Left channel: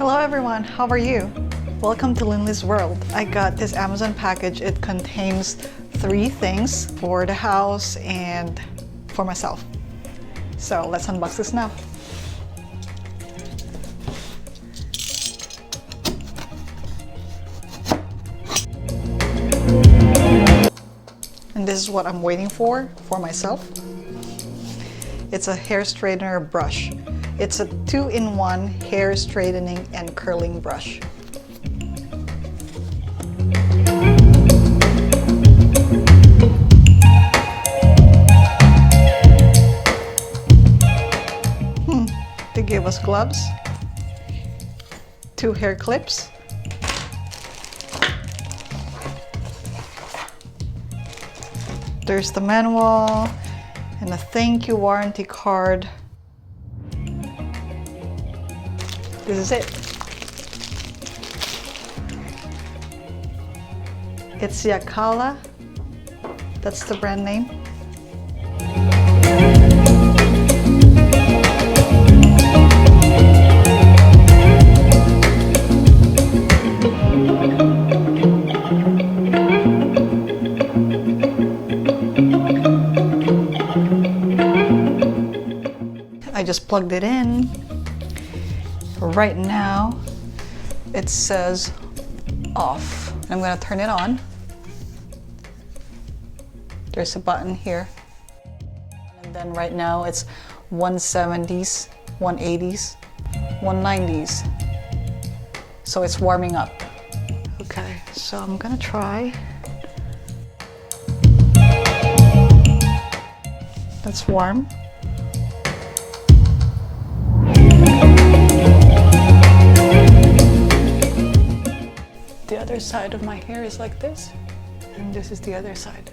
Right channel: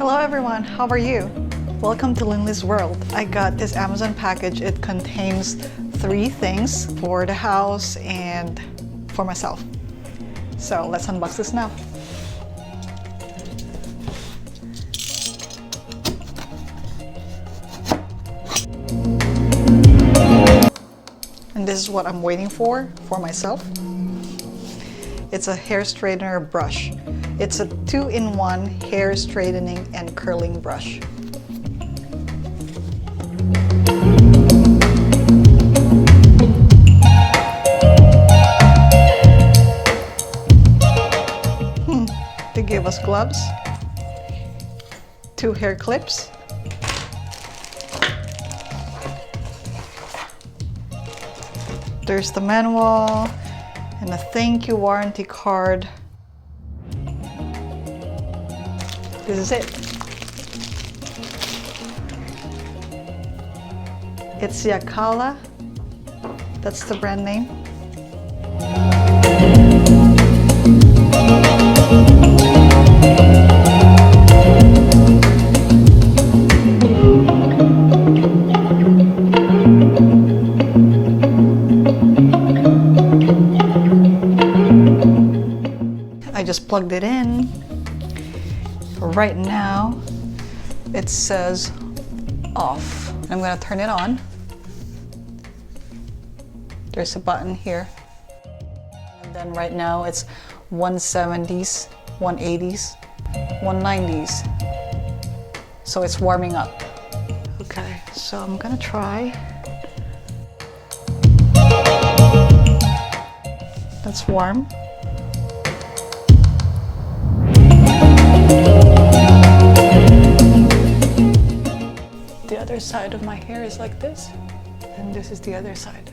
Hello everyone, how are you? Welcome to Linley's World. I got this Amazon package. It contains 3 things for the house and for myself. So let's unbox this now. And this is what I'm waiting for myself. It's a hair straightener brush. It's a 2-in-1 hair straightening and curling brush. They gave us gloves, 2 hair clips, there's the manual, and a thank you warranty card. This is it. It's Yakala. That's the brand name. I just plugged it in. Right now, it says off. I'm going to turn it on. There's a button here. And then right now it's 170s, 180s, 190s. So it's warming up. Okay, so I'm going to try. That's warm. The other side of my hair is like this, and this is the other side.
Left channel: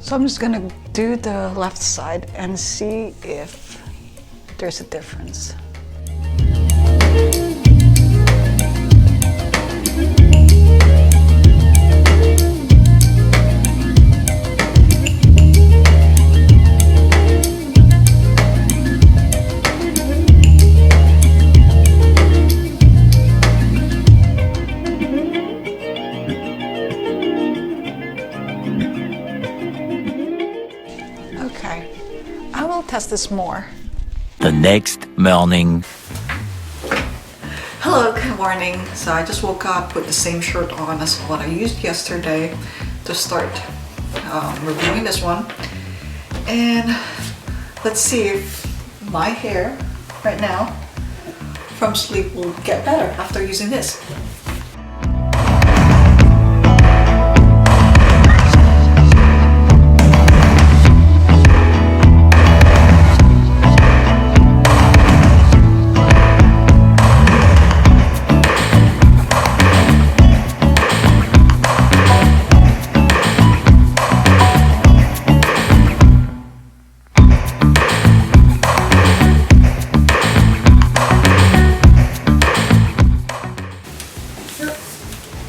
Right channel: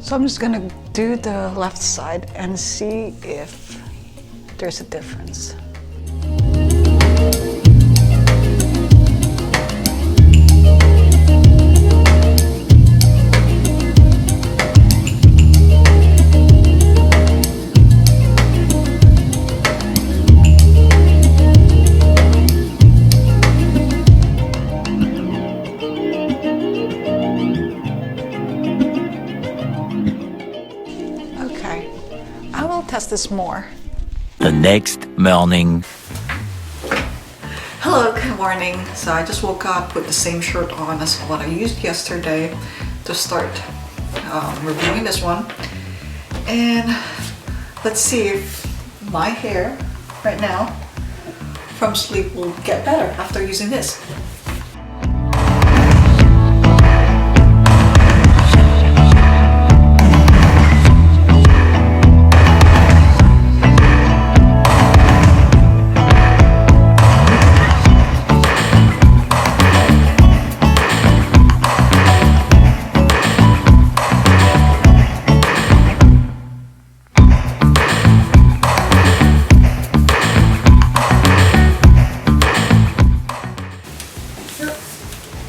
So I'm just gonna do the left side and see if there's a difference. Okay, I will test this more. The next morning. Hello, good morning. So I just woke up with the same shirt on as what I used yesterday to start reviewing this one. And let's see if my hair right now from sleep will get better after using this.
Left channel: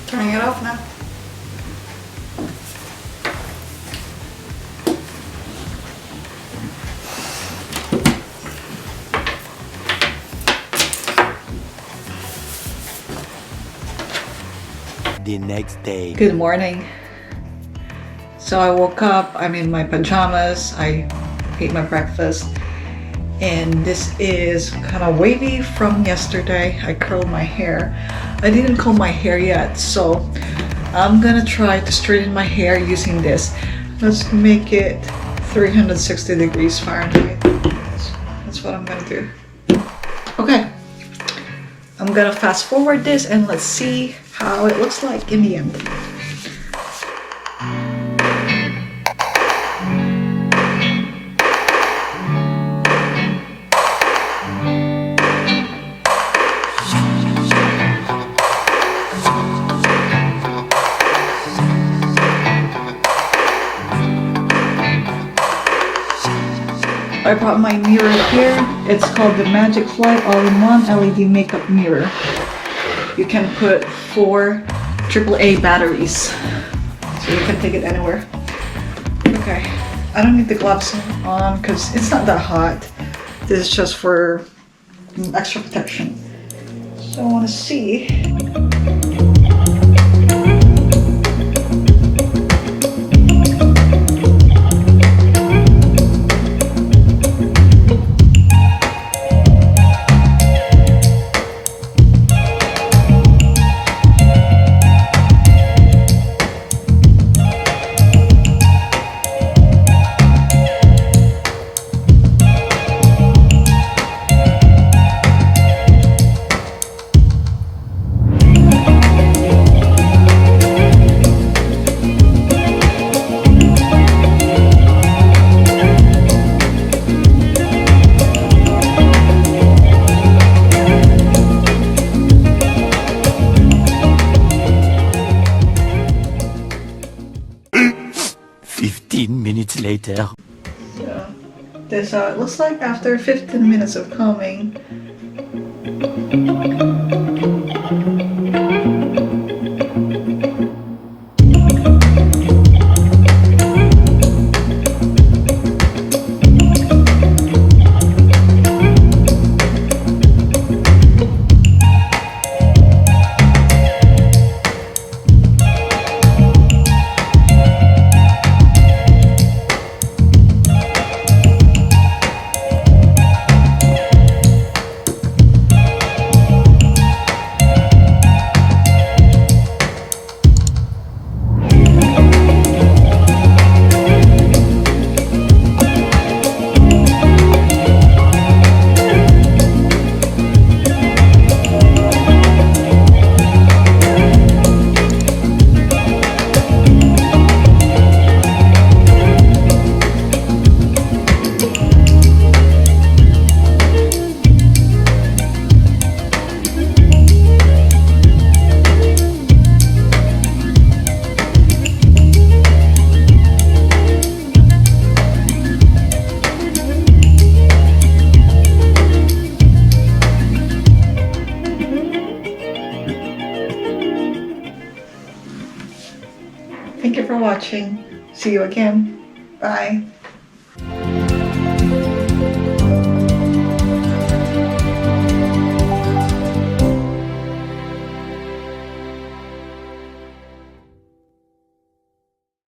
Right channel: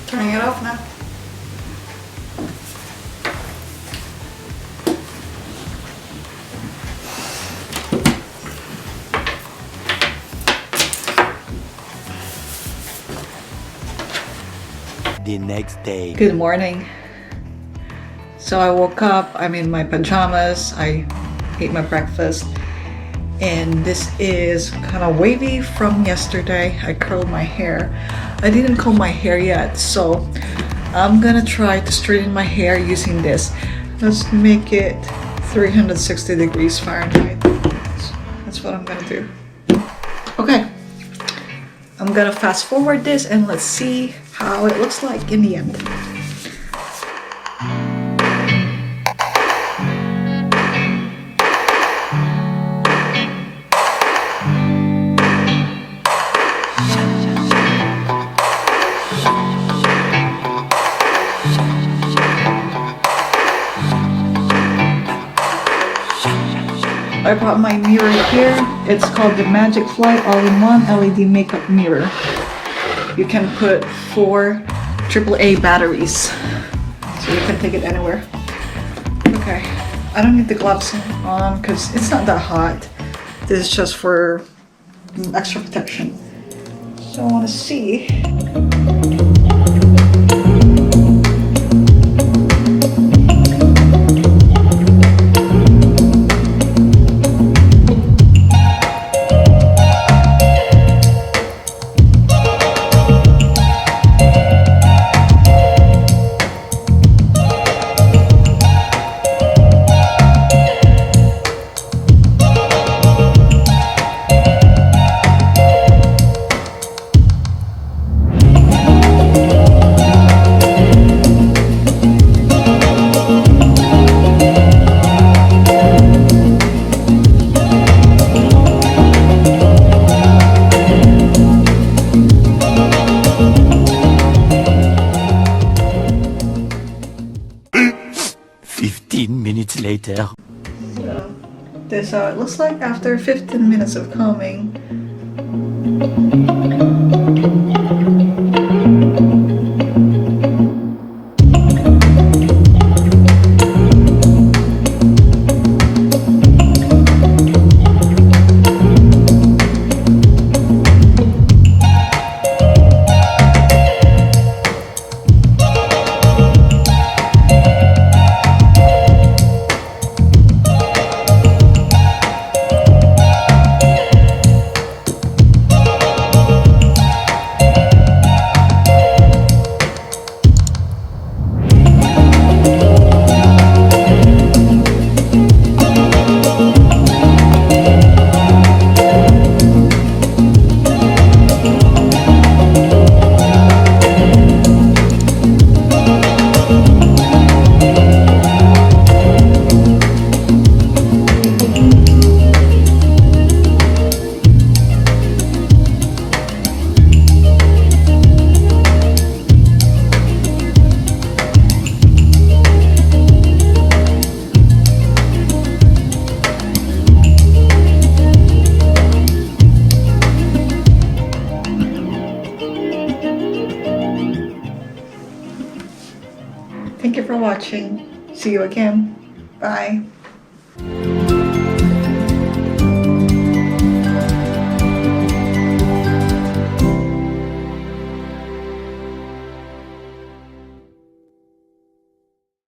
Turning it off now. The next day. Good morning. So I woke up, I'm in my pajamas, I ate my breakfast, and this is kind of wavy from yesterday. I curled my hair. I didn't comb my hair yet, so I'm gonna try to straighten my hair using this. Let's make it 360 degrees Fahrenheit. That's what I'm gonna do. Okay, I'm gonna fast forward this and let's see how it looks like in the end. I brought my mirror here. It's called the Magic Fly All-in-One LED Makeup Mirror. You can put 4 AAA batteries, so you can take it anywhere. Okay, I don't need the gloves on because it's not that hot. This is just for extra protection. So I want to see. Minutes later. So this is how it looks like after 15 minutes of combing. Thank you for watching. See you again. Bye.